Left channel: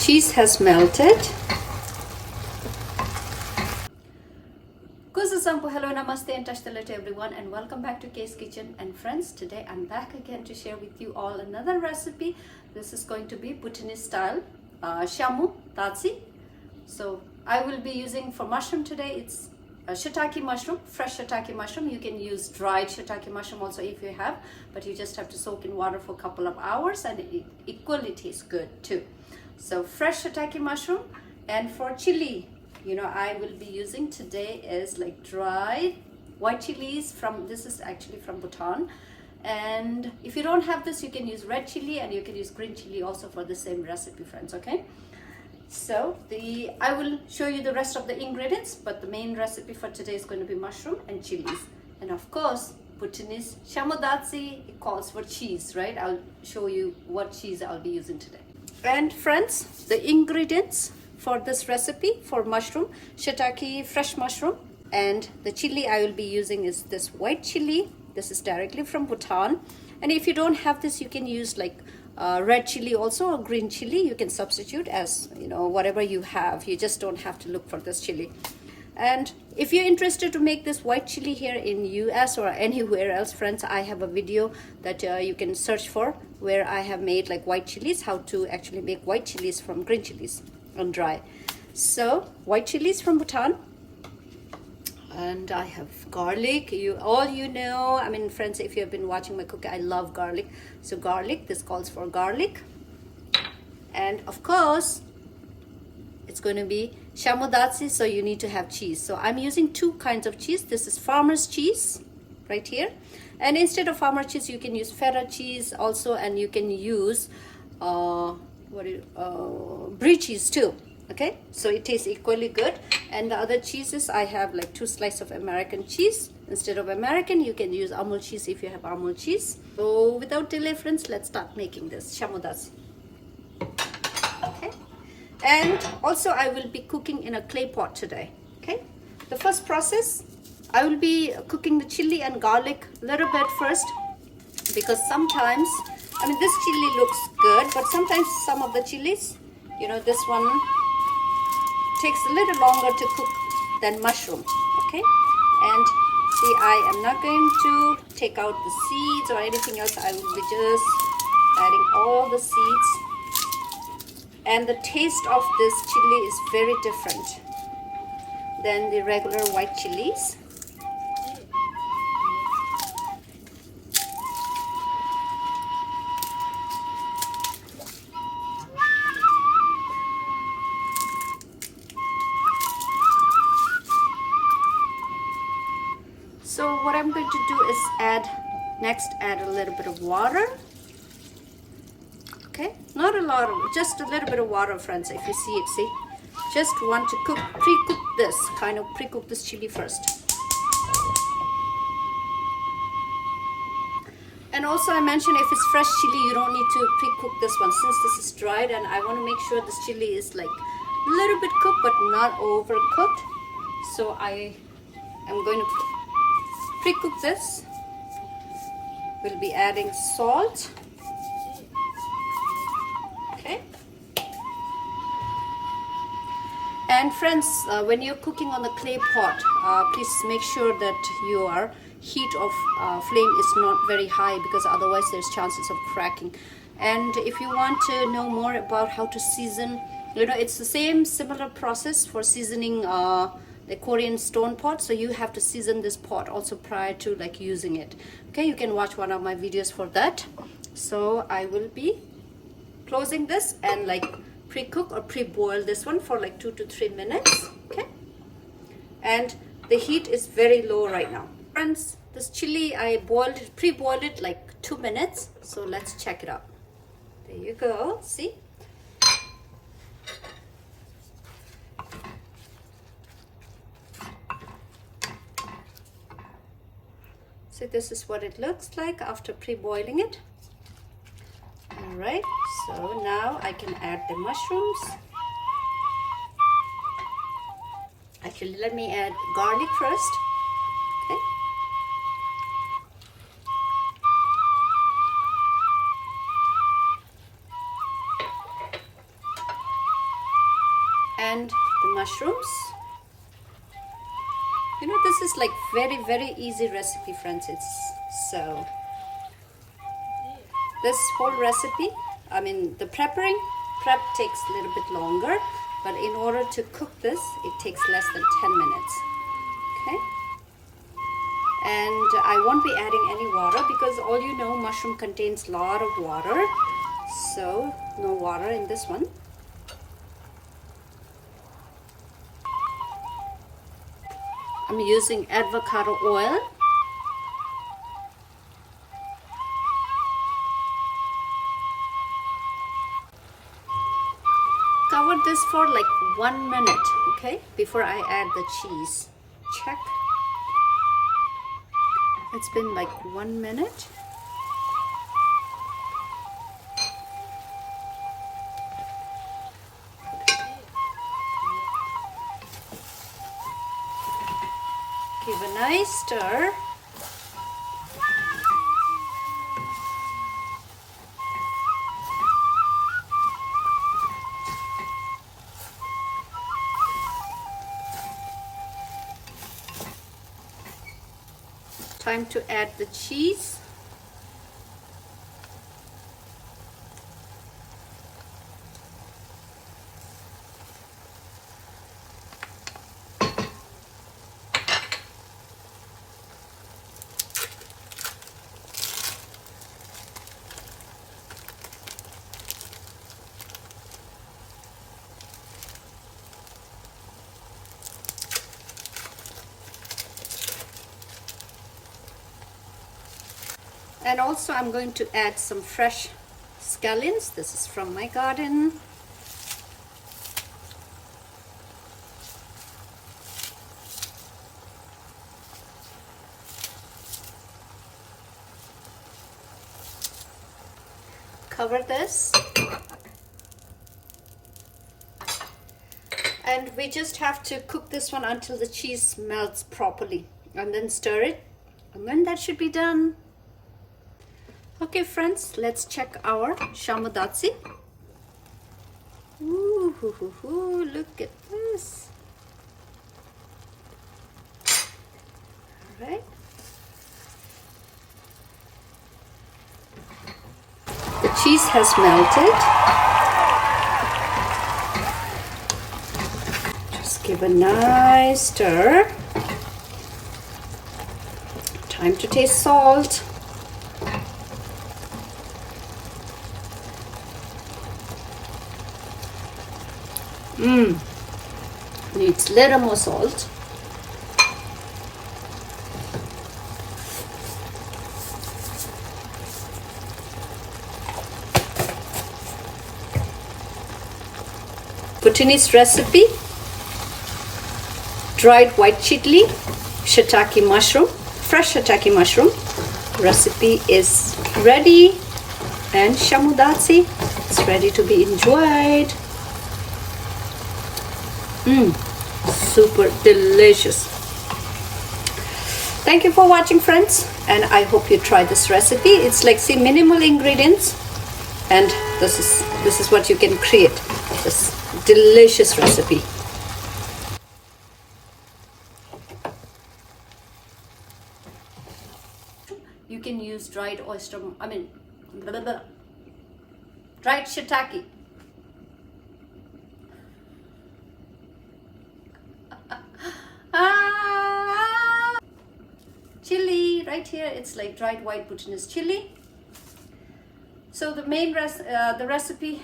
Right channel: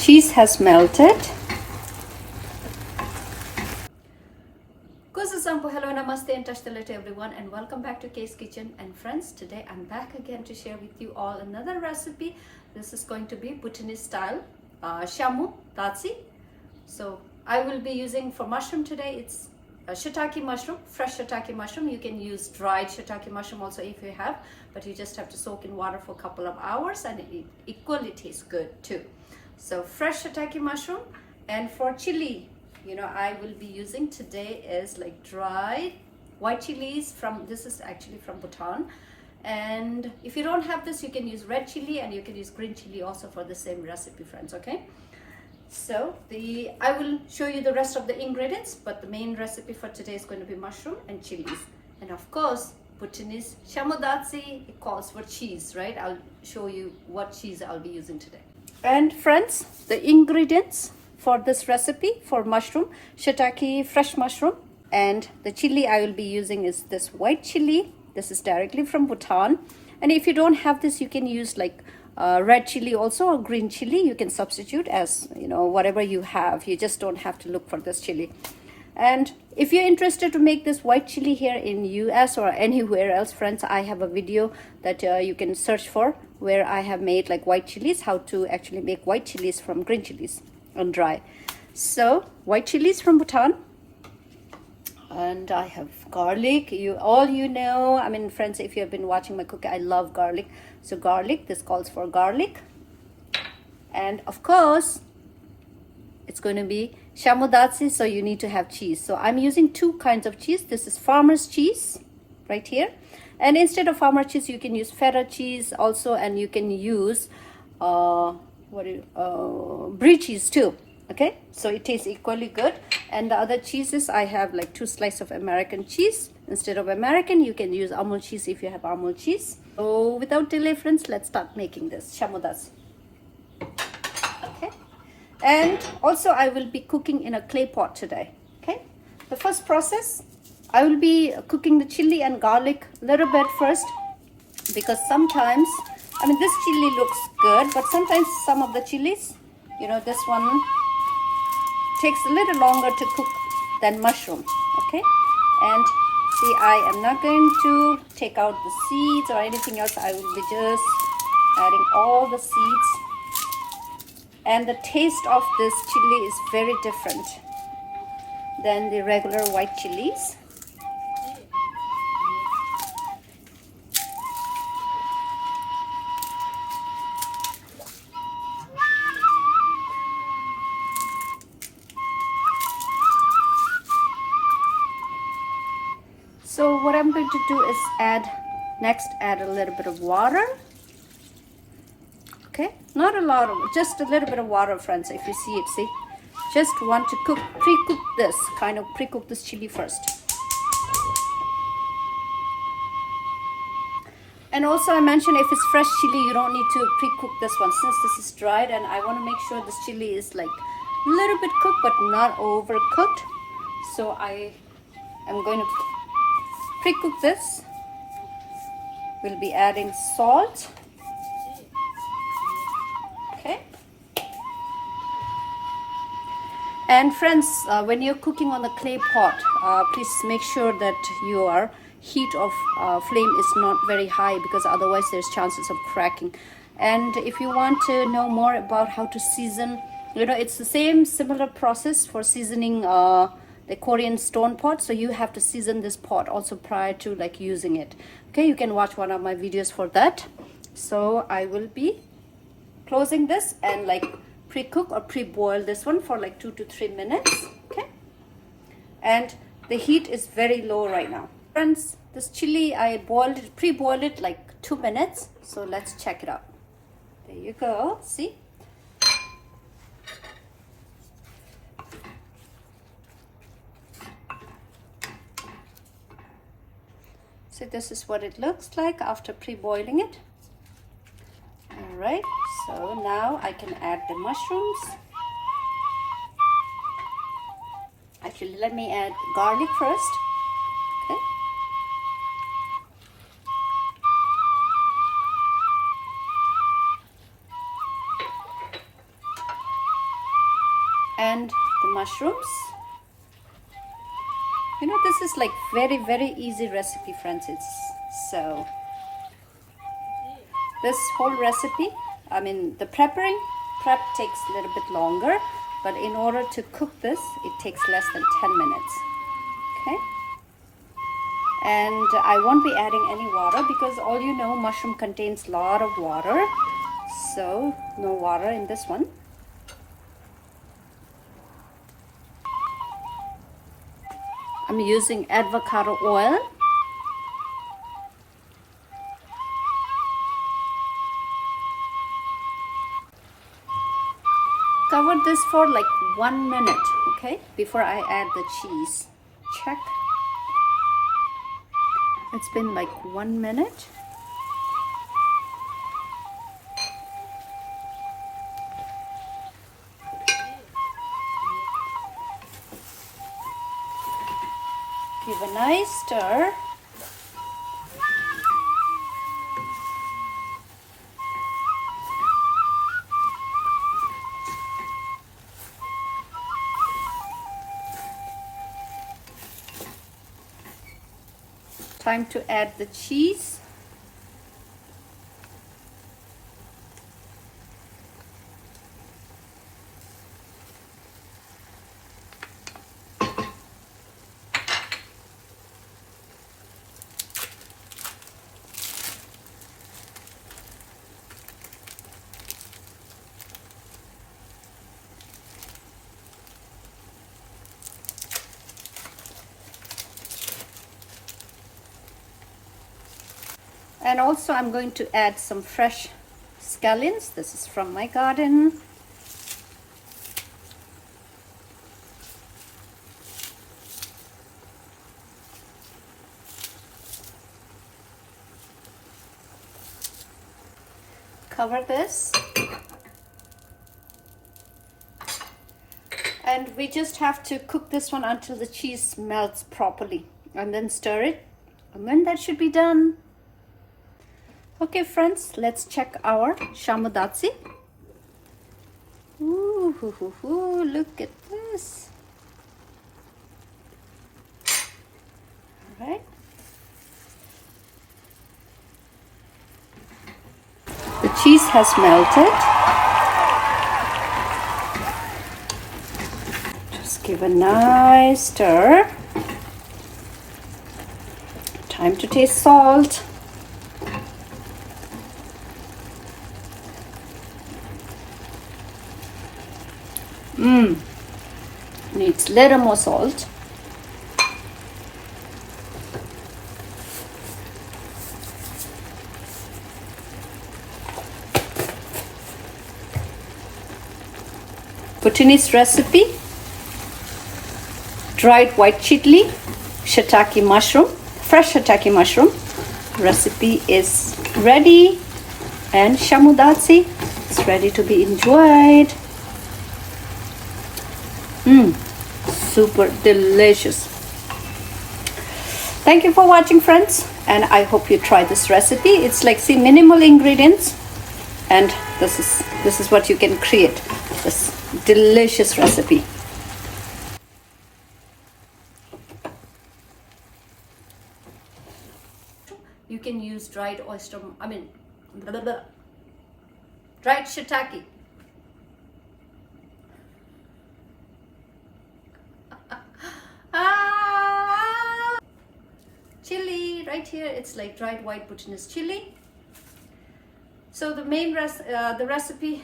cheese has melted. Hello, namaste and tashtala to everyone, and welcome back to Kay's Kitchen. And friends, today I'm back again to share with you all another recipe. This is going to be Bhutanese style Shamu Datshi. So I will be using for mushroom today. It's a shiitake mushroom, fresh shiitake mushroom. You can use dried shiitake mushroom also if you have, but you just have to soak in water for a couple of hours and it equally tastes good too. So fresh shiitake mushroom. And for chili, I will be using today is like dried white chilies from, this is actually from Bhutan. And if you don't have this, you can use red chili and you can use green chili also for the same recipe, friends, okay? So I will show you the rest of the ingredients, but the main recipe for today is going to be mushroom and chilies. And of course, Bhutanese Shamu Datshi, it calls for cheese, right? I'll show you what cheese I'll be using today. And friends, the ingredients for this recipe for mushroom, shiitake fresh mushroom, and the chili I will be using is this white chili. This is directly from Bhutan. And if you don't have this, you can use like red chili also, or green chili. You can substitute as whatever you have. You just don't have to look for this chili. And if you're interested to make this white chili here in US or anywhere else, friends, I have a video that you can search for where I have made like white chilies, how to actually make white chilies from green chilies and dry. So white chilies from Bhutan, and I have garlic. I mean, friends, if you have been watching my cooking, I love garlic. So garlic, this calls for garlic. And of course it's going to be Shamu Datshi, so you need to have cheese. So I'm using two kinds of cheese. This is farmer's cheese right here, and instead of farmer cheese you can use feta cheese also, and you can use brie cheese too. Okay, so it tastes equally good. And the other cheeses, I have like 2 slices of American cheese. Instead of American, you can use Amul cheese if you have Amul cheese. So without delay, friends, let's start making this Shamu Datshi. Okay, and also I will be cooking in a clay pot today. Okay, the first process, I will be cooking the chili and garlic a little bit first, because sometimes, I mean, this chili looks good, but sometimes some of the chilies, this one takes a little longer to cook than mushroom. Okay, and see, I am not going to take out the seeds or anything else. I will be just adding all the seeds, and the taste of this chili is very different than the regular white chilies. So what I'm going to do is add a little bit of water. Okay, not a lot of, just a little bit of water, friends. If you see it, see, just want to pre-cook this chili first. And also I mentioned, if it's fresh chili, you don't need to pre-cook this one, since this is dried, and I want to make sure this chili is like a little bit cooked but not overcooked. So I am going to pre-cook this. We'll be adding salt. Okay. And friends, when you're cooking on the clay pot, please make sure that your heat of flame is not very high, because otherwise there's chances of cracking. And if you want to know more about how to season, it's the similar process for seasoning the Korean stone pot. So you have to season this pot also prior to like using it. Okay, you can watch one of my videos for that. So I will be closing this and like pre-cook or pre-boil this one for like 2 to 3 minutes. Okay, and the heat is very low right now, friends. This chili, I pre-boiled it like 2 minutes. So let's check it out. There you go, see. So this is what it looks like after pre-boiling it. All right, so now I can add the mushrooms. Actually, let me add garlic first. Okay. and the mushrooms. You know, this is like very easy recipe, friends. So this whole recipe, I mean the prep takes a little bit longer, but in order to cook this, it takes less than 10 minutes. Okay, and I won't be adding any water because all you know, mushroom contains a lot of water, so no water in this one. I'm using avocado oil. Cover this for like 1 minute, okay, before I add the cheese. Check. It's been like 1 minute. Give a nice stir. Time to add the cheese. And also I'm going to add some fresh scallions. This is from my garden. Cover this. And we just have to cook this one until the cheese melts properly. And then stir it. And then that should be done. Okay friends, let's check our Shamu Datshi. Ooh, look at this. All right. The cheese has melted. Just give a nice stir. Time to taste salt. Needs a little more salt. Bhutanese recipe, dried white chili, shiitake mushroom, fresh shiitake mushroom. Recipe is ready, and Shamu Datshi is ready to be enjoyed. Super delicious. Thank you for watching, friends, and I hope you try this recipe. It's like, see, minimal ingredients, and this is what you can create, this delicious recipe. You can use dried oyster, dried shiitake. Chili right here, it's like dried white Bhutanese chili. So the main the recipe,